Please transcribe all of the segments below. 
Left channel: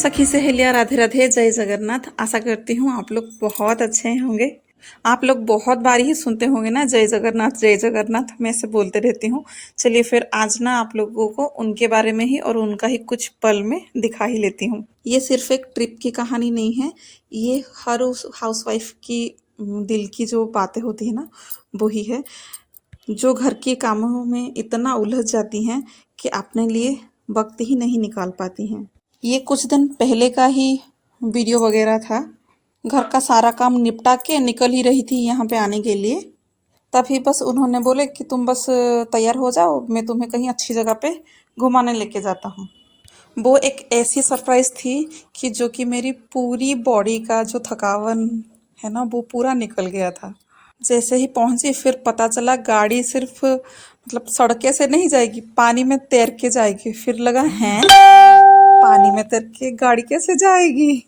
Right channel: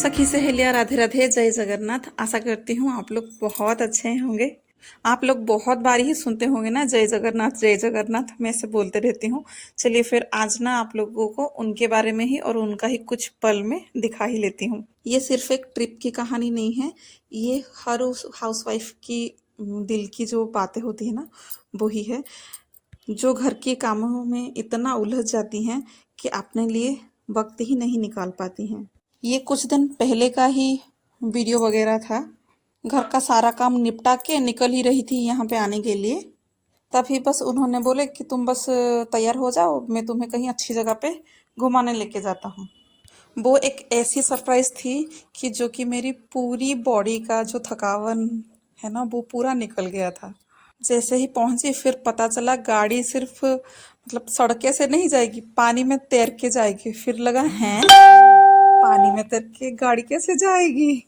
सखी सहेलियां, राधे राधे, जय जगन्नाथ। आशा करती हूँ आप लोग बहुत अच्छे होंगे। आप लोग बहुत बार ही सुनते होंगे ना, जय जगन्नाथ जय जगन्नाथ। मैं से बोलते रहती हूँ। चलिए फिर आज ना आप लोगों को उनके बारे में ही और उनका ही कुछ पल में दिखा ही लेती हूँ। ये सिर्फ एक ट्रिप की कहानी नहीं है, ये हर उस हाउसवाइफ की दिल की जो बातें होती है ना, वो ही है, जो घर के कामों में इतना उलझ जाती हैं कि अपने लिए वक्त ही नहीं निकाल पाती हैं। ये कुछ दिन पहले का ही वीडियो वगैरह था। घर का सारा काम निपटा के निकल ही रही थी यहाँ पे आने के लिए। तभी बस उन्होंने बोले कि तुम बस तैयार हो जाओ, मैं तुम्हें कहीं अच्छी जगह पे घुमाने लेके जाता हूँ। वो एक ऐसी सरप्राइज थी कि जो कि मेरी पूरी बॉडी का जो थकावन है ना, वो पूरा निकल गया था। जैसे ही पहुंची फिर पता चला गाड़ी सिर्फ मतलब सड़के से नहीं जाएगी, पानी में तैर के जाएगी। फिर लगा है पानी में तैर के गाड़ी कैसे जाएगी।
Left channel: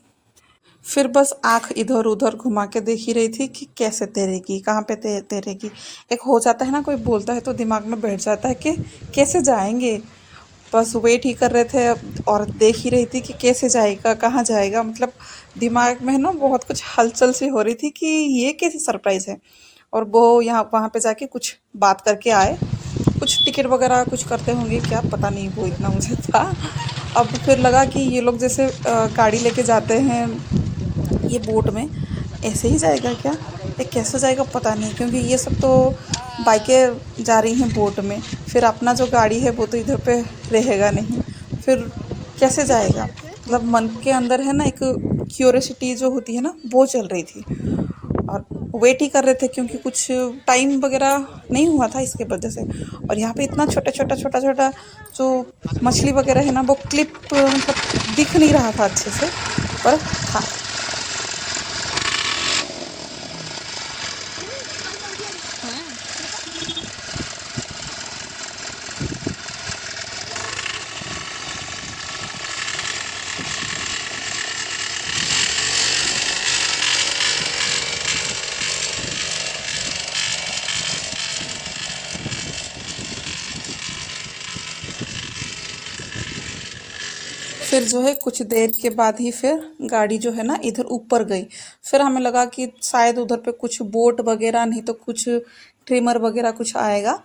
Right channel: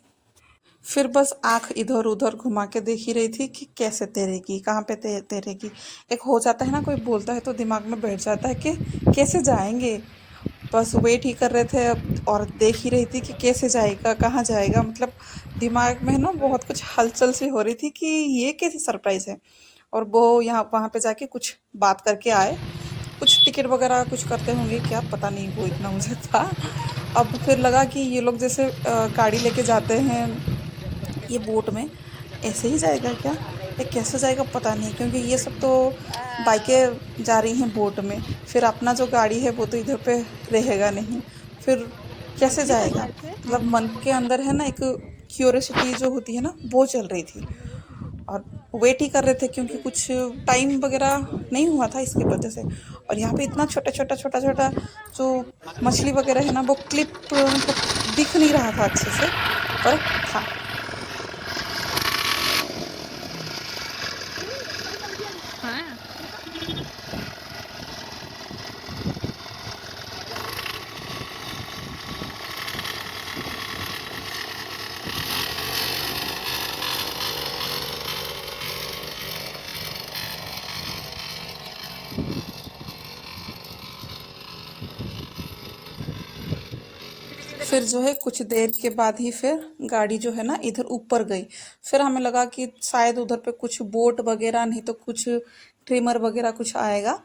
फिर बस आंख इधर उधर घुमा के देख ही रही थी कि कैसे तैरेगी, कहाँ पे तैरेगी। एक हो जाता है ना, कोई बोलता है तो दिमाग में बैठ जाता है कि कैसे जाएंगे। बस वेट ही कर रहे थे और देख ही रही थी कि कैसे जाएगा, कहाँ जाएगा। मतलब दिमाग में ना बहुत कुछ हलचल सी हो रही थी कि ये कैसी सरप्राइज है। और वो यहाँ वहाँ पे जाके कुछ बात करके आए, कुछ टिकट वगैरह कुछ करते होंगे क्या, पता नहीं, वो इतना मुझे था। अब फिर लगा कि ये लोग जैसे गाड़ी लेके जाते हैं ये बोट में, ऐसे ही जाएगा क्या, ये कैसे जाएगा पता नहीं, क्योंकि ये सब तो बाइकें जा रही हैं बोट में। फिर अपना जो गाड़ी है वो तो इधर पे रहेगा नहीं, फिर कैसे जाएगा। मतलब मन के अंदर है ना एक क्यूरियोसिटी जो होती है ना, वो चल रही थी। और वेट ही कर रहे थे क्योंकि कुछ टाइम वगैरह नहीं हुआ था इसकी वजह से। और यहाँ पे इतना छोटा छोटा जो मछली वगैरह है ना, वो क्लिप दिख नहीं रहा था अच्छे से, पर था। फिर जो है कुछ देर के बाद ही फिर गाड़ी जो है ना इधर ऊपर गई। फिर हमें लगा कि शायद उधर पे कुछ बोट वगैरह नहीं तो कुछ ट्रिमर वगैरह कुछ आएगा,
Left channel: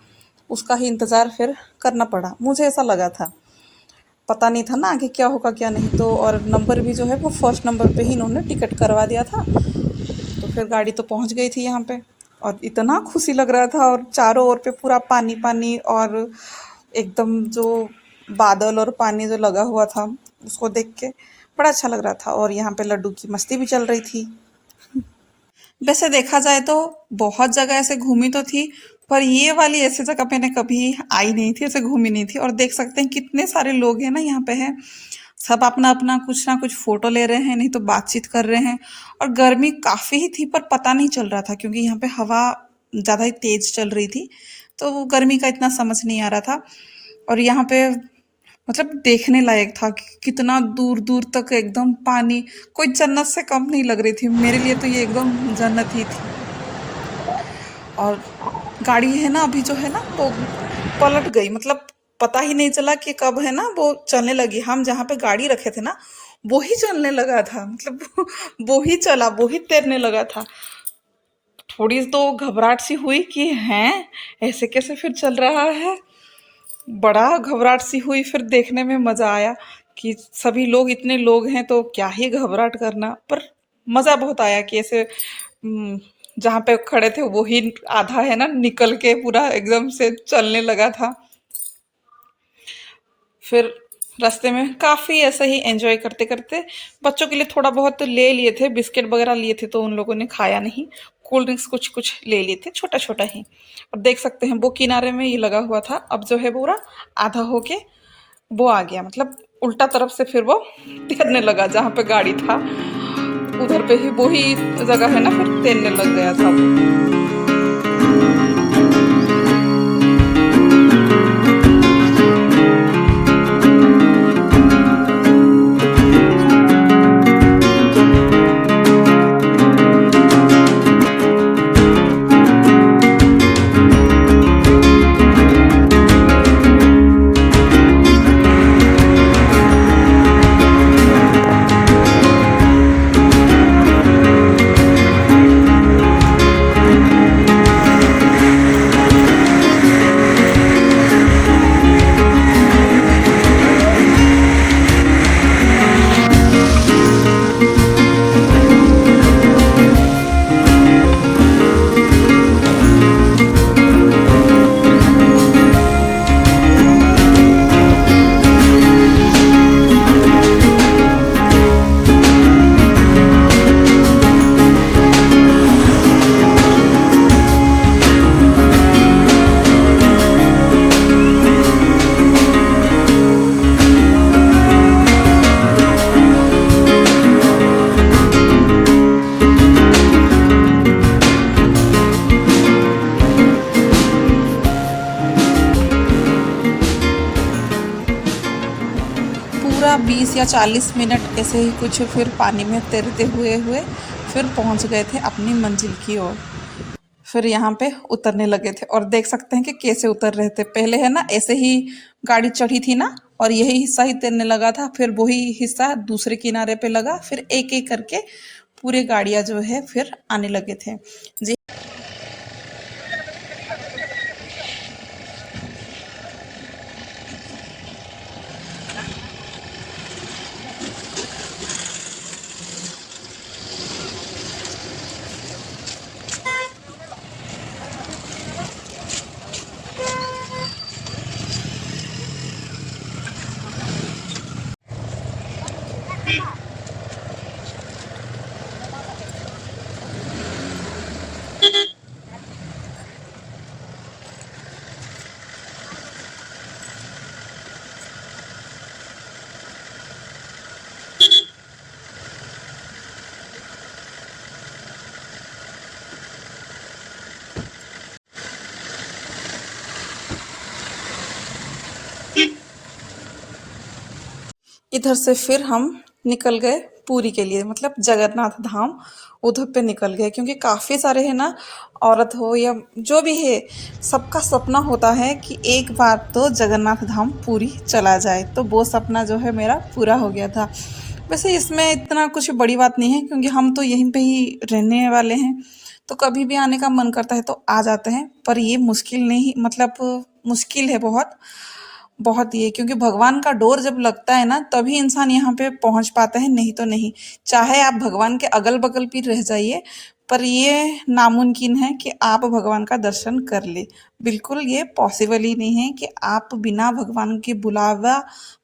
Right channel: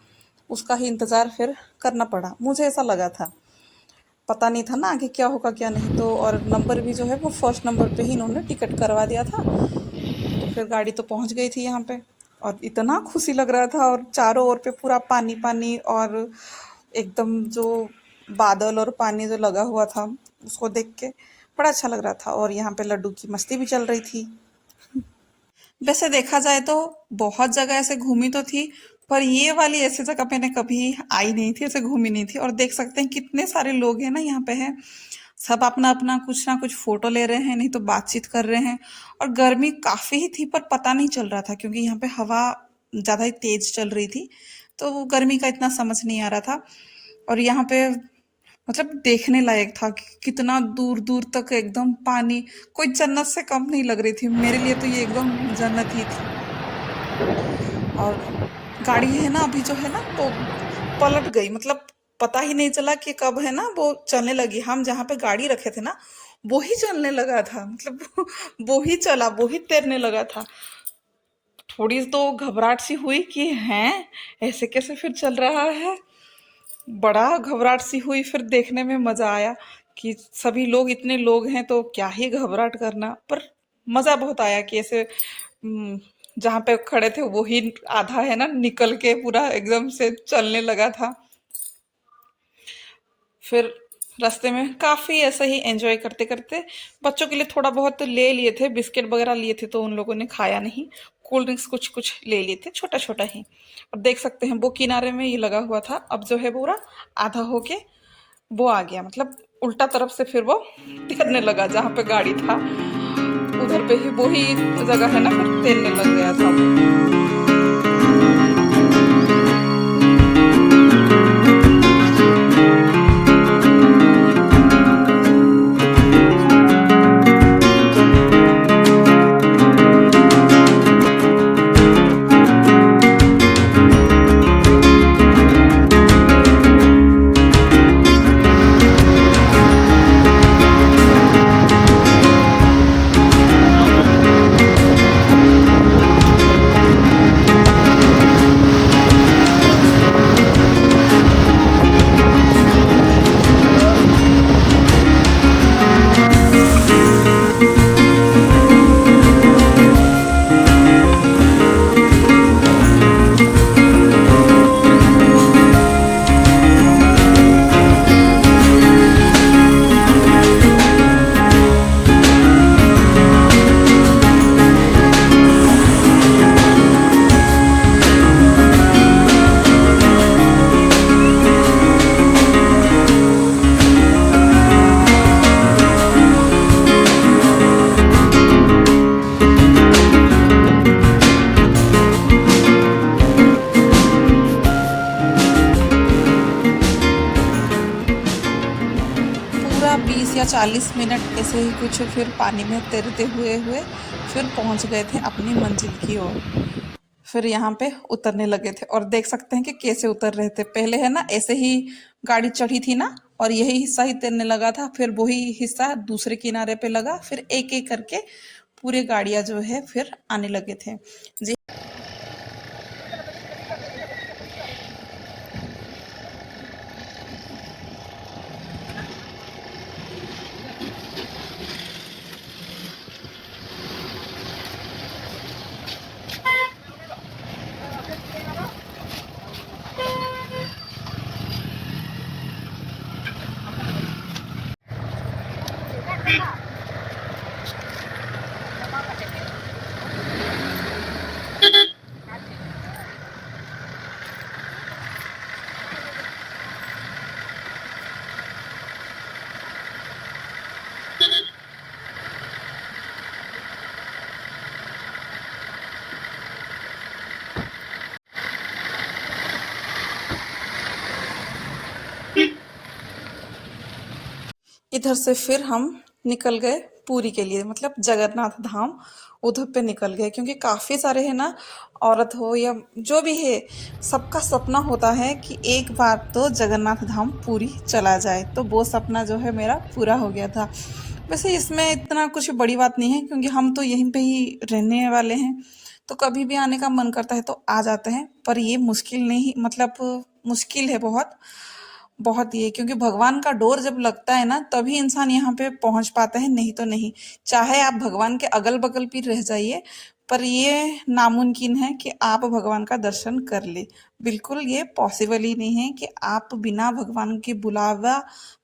उसका ही इंतज़ार फिर करना पड़ा। मुझे ऐसा लगा था, पता नहीं था ना आगे क्या होगा क्या नहीं। तो और नंबर भी जो है वो फर्स्ट नंबर पे ही इन्होंने टिकट करवा दिया था। तो फिर गाड़ी तो पहुंच गई थी यहाँ पे और इतना खुशी लग रहा था। और चारों ओर पे पूरा पानी पानी और एकदम जो बादल और पानी जो लगा हुआ था, उसको देख के बड़ा अच्छा लग रहा था। और यहाँ पे लड्डू की मस्ती भी चल रही थी। वैसे देखा जाए तो बहुत जगह ऐसे घूमी तो थी, पर ये वाली ऐसी जगह मैंने कभी आई नहीं थी, ऐसे घूमी नहीं थी। और देख सकते हैं कितने सारे लोग हैं ना यहाँ पे हैं, सब अपना अपना कुछ ना कुछ फोटो ले रहे हैं, नहीं तो बातचीत कर रहे हैं। और गर्मी काफ़ी ही थी पर पता नहीं चल रहा था क्योंकि यहाँ पे हवा ज़्यादा ही तेज चल रही थी, तो गर्मी का इतना समझ नहीं आ रहा था। और यहाँ पे मतलब देखने लायक था कि कितना दूर दूर तक एकदम पानी, कोई जन्नत से कम नहीं लग रही थी। मेरे लिए तो ये एकदम जन्नत ही थी। और गाड़ी है ना अभी जो है ना तो पलट गई, मतलब पता ही नहीं चला कि कब है ना वो चलने लगी। हम जहाँ पे गाड़ी रखे थे ना वो ही चलने लगा था, मतलब वो ही चला, वो ही तैरने लगा था। थोड़ी तो घबराहट सी हुई कि हैं ऐसे कैसे फिर चल रहा है, बड़ा घबराहट सी हुई। फिर देखने में मज़ा आया कि सभी लोग, इतने लोग हैं तो क्या ही घबराहट करना, पर मज़ा बहुत आया कि ऐसे जहाँ पे खड़े थे वो ही आधा है ना निकल के पूरा एकदम से चलने लगा था। फिर रास्ते में काफ़ी ऐसे ही एंजॉय करते करते, बच्चों के लिए थोड़ा बहुत ले लिए थे, बिस्किट वगैरह लिए थे तो उन लोगों ने खाया नहीं। कोल्ड ड्रिंक्स कुछ कुछ ले लिए थे, छोटा छोटा ही। और देख सकते हैं वो किनारे में ये लगा हुआ था, अब जो है पूरा आधा होके वो आ गया, मतलब उल्टा तरफ से फिर वो तैरने लगा। जहाँ पे गाड़ी था उधर पे ही वही जगह है ना, फिर तैरने लग गया था। 40 मिनट ऐसे ही कुछ फिर पानी में तैरते हुए हुए फिर पहुंच गए थे अपनी मंजिल की ओर। फिर यहाँ पे उतरने लगे थे और देख सकते हैं कि कैसे उतर रहे थे। पहले है ना ऐसे ही गाड़ी चढ़ी थी ना और यही हिस्सा ही तैरने लगा था, फिर वही हिस्सा दूसरे किनारे पे लगा, फिर एक एक करके पूरे गाड़ियां जो है फिर आने लगे थे जी। इधर से फिर हम निकल गए पूरी के लिए, मतलब जगन्नाथ धाम उधर पे निकल गए, क्योंकि काफ़ी सारे है ना औरत हो या जो भी है सबका सपना होता है कि एक बार तो जगन्नाथ धाम पूरी चला जाए। तो वो सपना जो है मेरा पूरा हो गया था। वैसे इसमें इतना कुछ बड़ी बात नहीं है, क्योंकि हम तो यहीं पे ही रहने वाले हैं, तो कभी भी आने का मन करता है तो आ जाते हैं। पर ये मुश्किल नहीं, मतलब मुश्किल है बहुत बहुत ही है, क्योंकि भगवान का डोर जब लगता है ना तभी इंसान यहाँ पे पहुंच पाता है, नहीं तो नहीं। चाहे आप भगवान के अगल बगल भी रह जाइए, पर ये नामुमकिन है कि आप भगवान का दर्शन कर ले। बिल्कुल ये पॉसिबल ही नहीं है कि आप बिना भगवान के बुलावा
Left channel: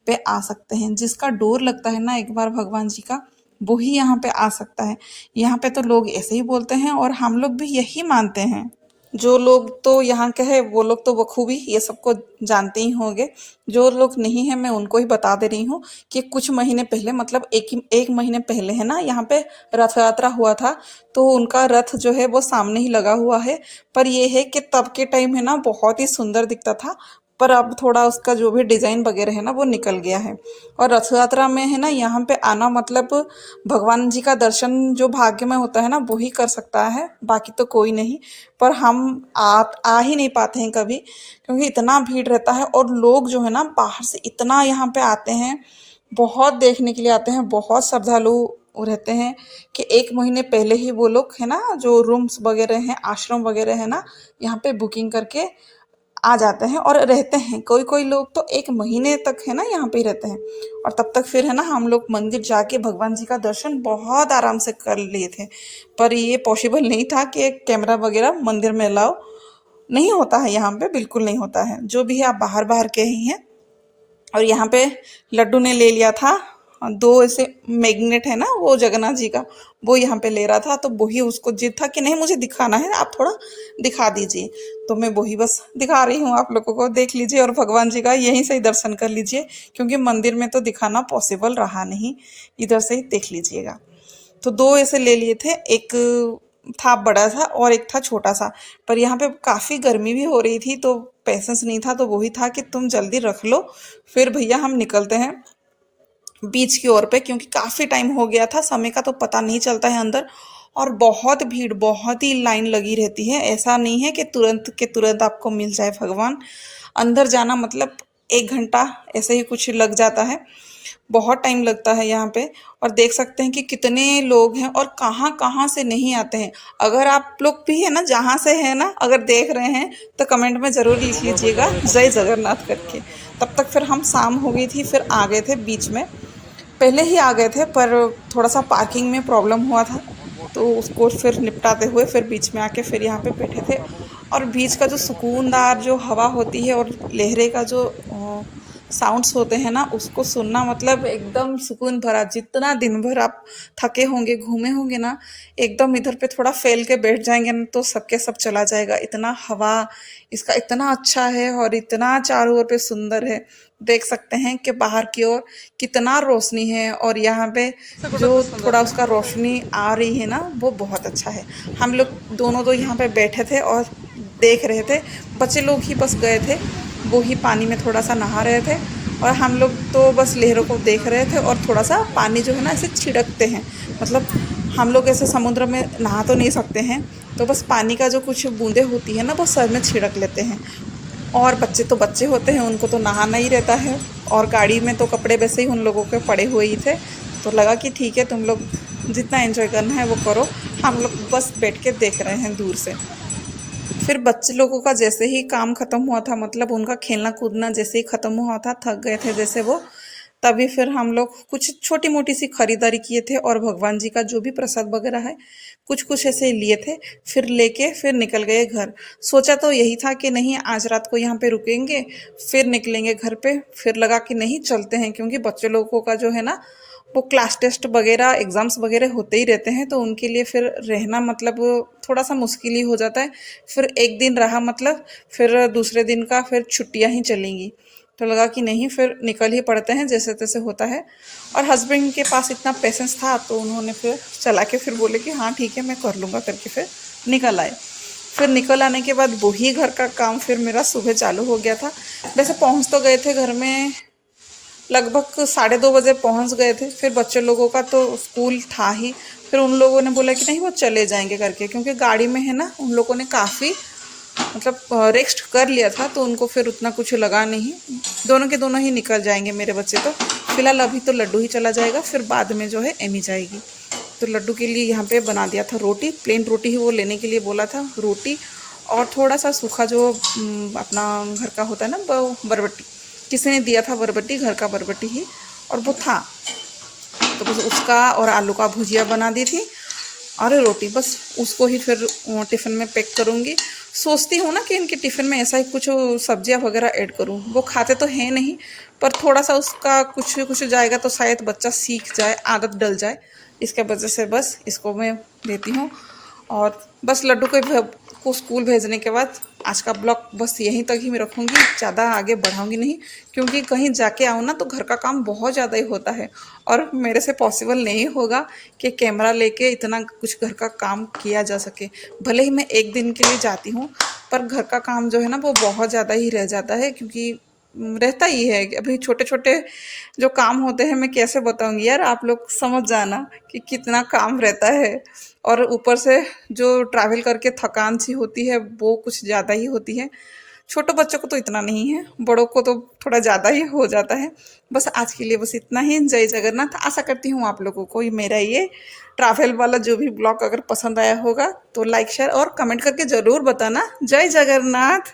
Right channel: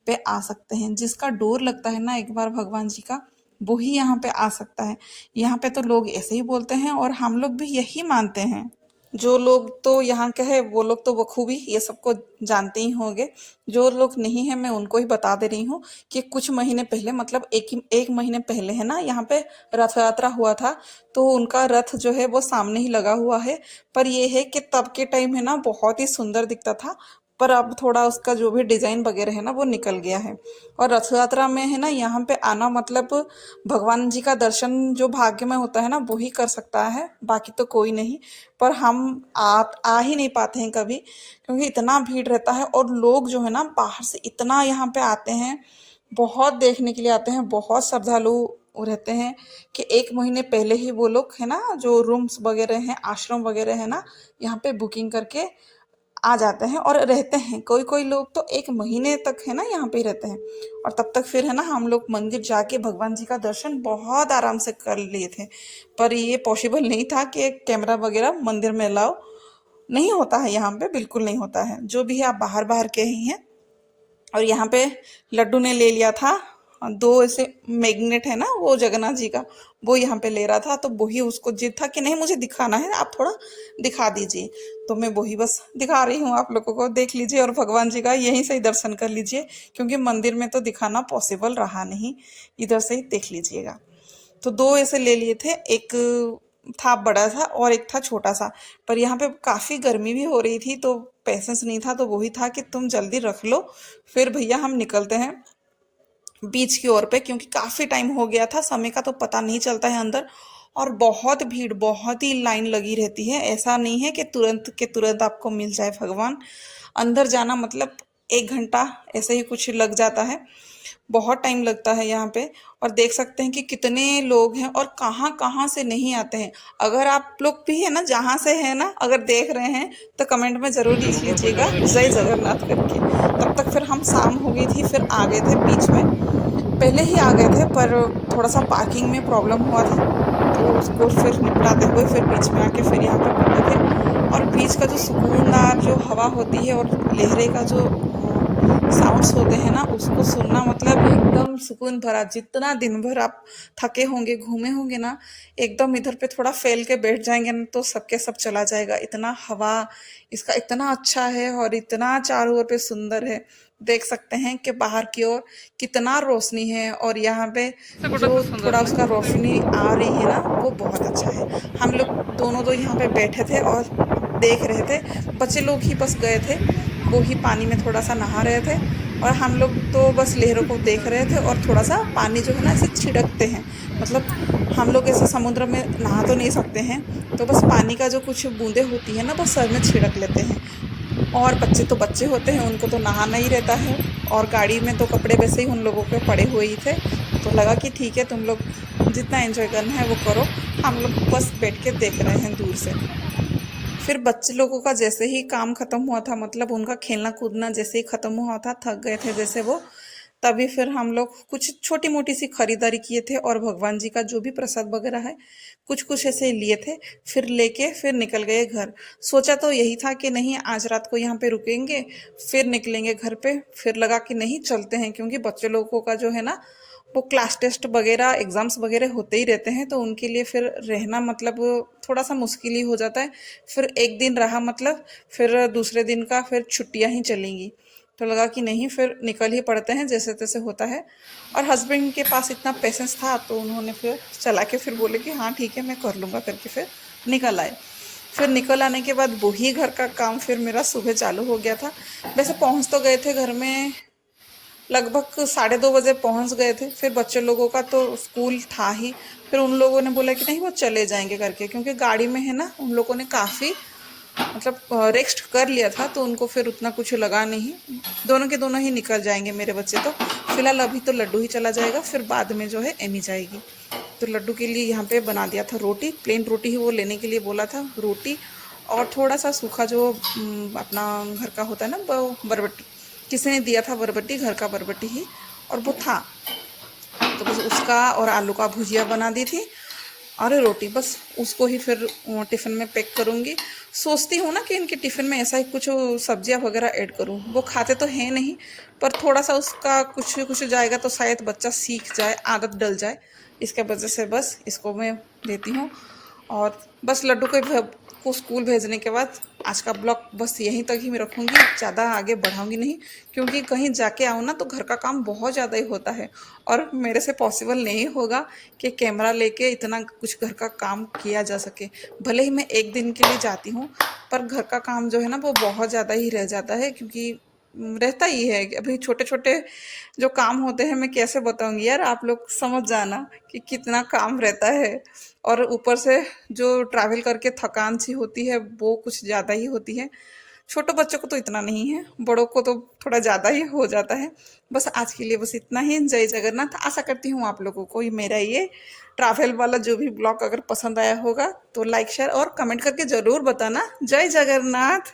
पे आ सकते हैं। जिसका डोर लगता है ना एक बार भगवान जी का, वो ही यहाँ पे आ सकता है। यहाँ पे तो लोग ऐसे ही बोलते हैं और हम लोग भी यही मानते हैं। जो लोग तो यहाँ के हैं वो लोग तो बखूबी ये सबको जानते ही होंगे। जो लोग नहीं है मैं उनको ही बता दे रही हूँ कि कुछ महीने पहले, मतलब एक महीने पहले है ना यहाँ पे रथ यात्रा हुआ था। तो उनका रथ जो है वो सामने ही लगा हुआ है। पर ये है कि तब के टाइम है ना बहुत ही सुंदर दिखता था, पर अब थोड़ा उसका जो भी डिजाइन वगैरह है ना वो निकल गया है। और रथ यात्रा में है ना यहाँ पे आना मतलब भगवान जी का दर्शन जो भाग्य में होता है ना वो ही कर सकता है, बाकी तो कोई नहीं। पर हम आ ही नहीं पाते हैं कभी, क्योंकि इतना भीड़ रहता है और लोग जो है ना बाहर से इतना यहाँ पे आते हैं, बहुत देखने के लिए आते हैं, बहुत श्रद्धालु रहते हैं कि एक महीने पहले ही वो लोग है ना जो रूम्स वगैरह हैं, आश्रम वगैरह है ना, यहाँ पे बुकिंग करके आ जाते हैं और रहते हैं। कोई कोई लोग तो एक महीने तक है ना यहाँ पे ही रहते हैं। और तब तक फिर है ना हम लोग मंदिर जाके भगवान जी का दर्शन बहुत आराम से कर लिए थे। पर ये पॉसिबल नहीं था कि कैमरा वगैरह मंदिर में लाओ, नहीं होता है यहाँ पे, बिल्कुल नहीं होता है। जो भी है आप बाहर बाहर के ही हैं। और यहाँ पे लड्डू ने ले लिया था दो ऐसे मैग्नेट है ना वो जगन्नाथ जी का, वो यहाँ पे ले रहा था। तो वही उसको जिद था कि नहीं मुझे दिखाना है, आप थोड़ा दिखा दीजिए। तो मैं वही बस दिखा रही हूँ आप लोगों को, देख लीजिए और भगवान जी का यहीं से ही दर्शन कर लीजिए, क्योंकि मंदिर में तो दिखाना पॉसिबल रहा नहीं। इधर से ही देख लीजिएगा। तो दो ऐसे ले लिए थे, एक था बड़ा सा और एक था छोटा सा। पर यहाँ पे काफ़ी गर्मी भी हो रही थी तो पैसेंस नहीं था, तो वही था कि तुम जल्दी रख लो, फिर भैया हम निकलते हैं बीच की ओर पे, क्योंकि काफ़ी टाइम हो गया था, समय का तो पता नहीं चलता है अंदर। और बहुत भीड़, बहुत ही लाइन लगी रहती है। ऐसा नहीं है कि तुरंत के तुरंत आपको मिल जाए भगवान। अंदर जाना मतलब 1 घंटा ऐसे ही कुछ लग जाता है, बहुत टाइम लगता है यहाँ पे। और देख सकते हैं कि कितने लोग हैं और कहाँ कहाँ से नहीं आते हैं। अगर आप लोग भी है ना जहाँ से है ना अगर देख रहे हैं तो कमेंट में ज़रूर लिख लीजिएगा जय जगन्नाथ करके। तब तक फिर हम शाम हो गई थी, फिर आ गए थे बीच में, पहले ही आ गए थे पर थोड़ा सा पार्किंग में प्रॉब्लम हुआ था, तो उसको फिर निपटाते हुए फिर बीच में आके फिर यहाँ पे बैठे थे। और बीच का जो सुकूनदार जो हवा होती है और लहरे का जो साउंड्स होते हैं ना उसको सुनना मतलब एकदम सुकून भरा। जितना दिन भर आप थके होंगे घूमे होंगे ना, एकदम इधर पे थोड़ा फैल के बैठ जाएंगे ना तो सबके सब चला जाएगा। इतना हवा इसका इतना अच्छा है और इतना चारों ओर पे सुंदर है। देख सकते हैं कि बाहर की ओर कितना रोशनी है और यहाँ पे जो थोड़ा उसका रोशनी आ रही है ना वो बहुत अच्छा है। हम लोग दोनों तो यहाँ पे बैठे थे और देख रहे थे, बच्चे लोग ही बस गए थे, वो ही पानी में थोड़ा सा नहा रहे थे। और हम लोग तो बस लहरों को देख रहे थे और थोड़ा सा पानी जो है ना ऐसे छिड़कते हैं, मतलब हम लोग ऐसे समुद्र में नहा तो नहीं सकते हैं, तो बस पानी का जो कुछ बूंदें होती है ना वो सर में छिड़क लेते हैं। और बच्चे तो बच्चे होते हैं, उनको तो नहाना ही रहता है। और गाड़ी में तो कपड़े वैसे ही उन लोगों के पड़े हुए ही थे, तो लगा कि ठीक है तुम लोग जितना एंजॉय करना है वो करो, हम लोग बस बैठ के देख रहे हैं दूर से। फिर बच्चे लोगों का जैसे ही काम खत्म हुआ था, मतलब उनका खेलना कूदना जैसे ही खत्म हुआ था, थक गए थे जैसे वो, तभी फिर हम लोग कुछ छोटी मोटी सी खरीदारी किए थे और भगवान जी का जो भी प्रसाद वगैरह है कुछ कुछ ऐसे लिए थे। फिर लेके फिर निकल गए घर। सोचा तो यही था कि नहीं आज रात को यहाँ पे रुकेंगे, फिर निकलेंगे घर पे। फिर लगा कि नहीं चलते हैं, क्योंकि बच्चे लोगों का जो है ना वो क्लास टेस्ट वगैरह एग्ज़ाम्स वगैरह होते ही रहते हैं, तो उनके लिए फिर रहना मतलब थोड़ा सा मुश्किल ही हो जाता है। फिर एक दिन रहा मतलब फिर दूसरे दिन का फिर छुट्टियां ही चलेंगी, तो लगा कि नहीं फिर निकल ही पड़ते हैं जैसे तैसे होता है। और हस्बैंड के पास इतना पेशेंस था तो उन्होंने फिर चला के फिर बोले कि हाँ ठीक है मैं कर लूँगा करके फिर निकल आए। फिर निकल आने के बाद वही घर का काम फिर मेरा सुबह चालू हो गया था। वैसे पहुंच तो गए थे घर में, लगभग 2:30 बजे पहुंच गए थे। फिर बच्चे लोगों का तो स्कूल था ही, फिर उन लोगों ने बोला कि नहीं वो चले जाएंगे करके, क्योंकि गाड़ी में है ना उन लोगों ने काफ़ी मतलब रेस्ट कर लिया था, तो उनको फिर उतना कुछ लगा नहीं। दोनों के दोनों ही निकल जाएंगे मेरे बच्चे तो। फिलहाल अभी तो लड्डू ही चला जाएगा, फिर बाद में जो है एमी जाएगी। तो लड्डू के लिए यहाँ पे बना दिया था रोटी, प्लेन रोटी ही वो लेने के लिए बोला था, रोटी और थोड़ा सा सूखा जो अपना घर का होता है ना वो बरबट्टी, किसी ने दिया था बरबट्टी, घर का बरबट्टी ही, और वो था तो बस उसका और आलू का भुजिया बना दी थी और रोटी, बस उसको ही फिर टिफ़िन में पैक करूँगी। सोचती हूँ ना कि इनके टिफ़िन में ऐसा ही कुछ सब्जियाँ वगैरह ऐड करूँ, वो खाते तो हैं नहीं, पर थोड़ा सा उसका कुछ कुछ जाएगा तो शायद बच्चा सीख जाए, आदत डल जाए, इसके वजह से बस इसको मैं देती हूँ। और बस लड्डू को स्कूल भेजने के बाद आज का ब्लॉग बस यहीं तक ही मैं रखूँगी, ज़्यादा आगे बढ़ाऊँगी नहीं, क्योंकि कहीं जाके आऊँ ना तो घर का काम बहुत ज़्यादा ही होता है और मेरे से पॉसिबल नहीं होगा कि कैमरा लेके इतना कुछ घर का काम किया जा सके। भले ही मैं एक दिन के लिए जाती हूँ, पर घर का काम जो है ना वो बहुत ज़्यादा ही रह जाता है, क्योंकि रहता ही है। अभी छोटे छोटे जो काम होते हैं मैं कैसे बताऊंगी यार, आप लोग समझ जाना कि कितना काम रहता है। और ऊपर से जो ट्रैवल करके थकान सी होती है वो कुछ ज़्यादा ही होती है। छोटे बच्चों को तो इतना नहीं है, बड़ों को तो थोड़ा ज़्यादा ही हो जाता है। बस आज के लिए बस इतना ही। जय जगन्नाथ। आशा करती हूँ आप लोगों को मेरा ये ट्रैवल वाला जो भी ब्लॉग अगर पसंद आया होगा तो लाइक शेयर और कमेंट करके ज़रूर बताना। जय जगन्नाथ।